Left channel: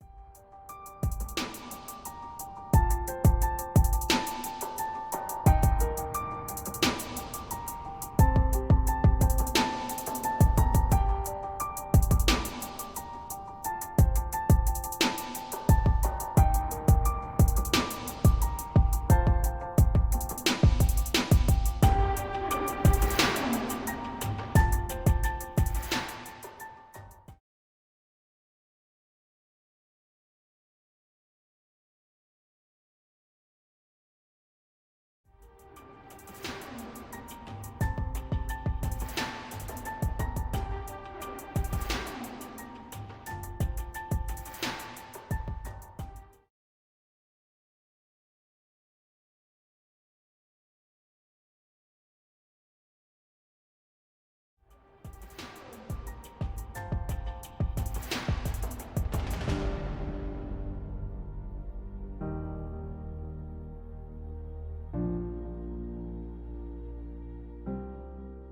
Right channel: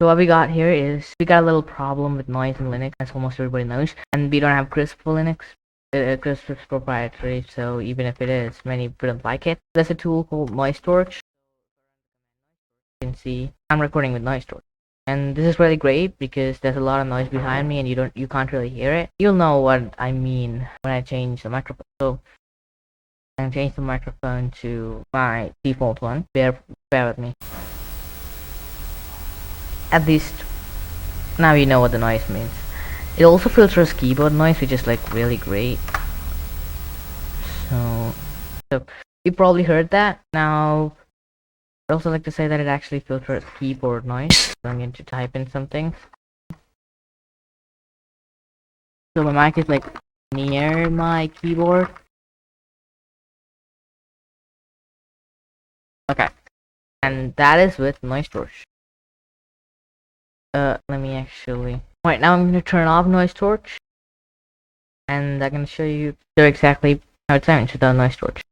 So what we got here is we got a little problem with noise in Linux, as almost everybody knows, and we don't have Crisp for Linux. Crisp is proprietary, so even if it is, many people don't like it. There's a tool called NoiseTorch. You can see I'm recording with NoiseTorch, and this is really great because there's a lot of noise behind me, and you can't really hear it. You'll know what I mean when I change the microphone. So I'm changing the microphone to my default one. Bear with me. At least now you know what the noise means. It also filters keyboard noise, which is like really great. So you probably heard that. Now I also like to say that it actually filters keyboard noise. So I need to type in something. So my mic is like near my keyboard. Okay, and that is with NoiseTorch. Let me actually. Right now I'm gonna turn off NoiseTorch, and I'm gonna show you exactly how it sounds without NoiseTorch.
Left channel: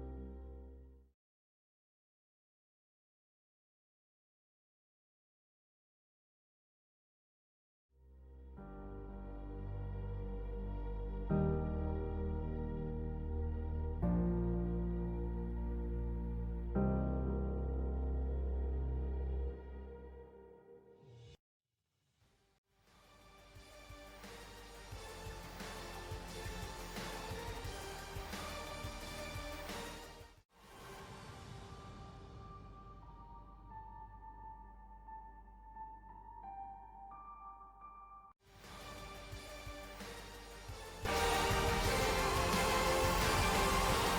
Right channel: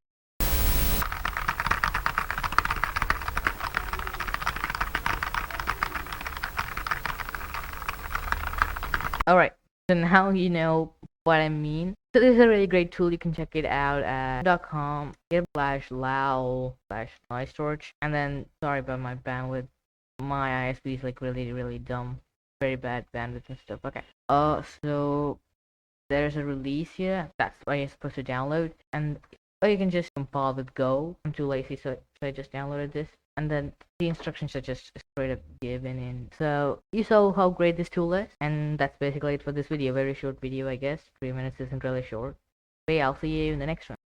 Alright, so now you know what I mean. So this is a really great tool. You can check it out at .com/lao/noisetorch. And then, sorry about my bandwidth. My ISP is like really dumb. Very bad bandwidth and stuff. Okay. So there's a release here. That's why you're supposed to download. Or you can just compile with Go. I'm too lazy, so I just downloaded this. And then the instructions are just straight up given in. So you saw how great this tool is, and that's basically it for this video. Very short video, I guess. So you might listen to it short. I'll see you in the next one.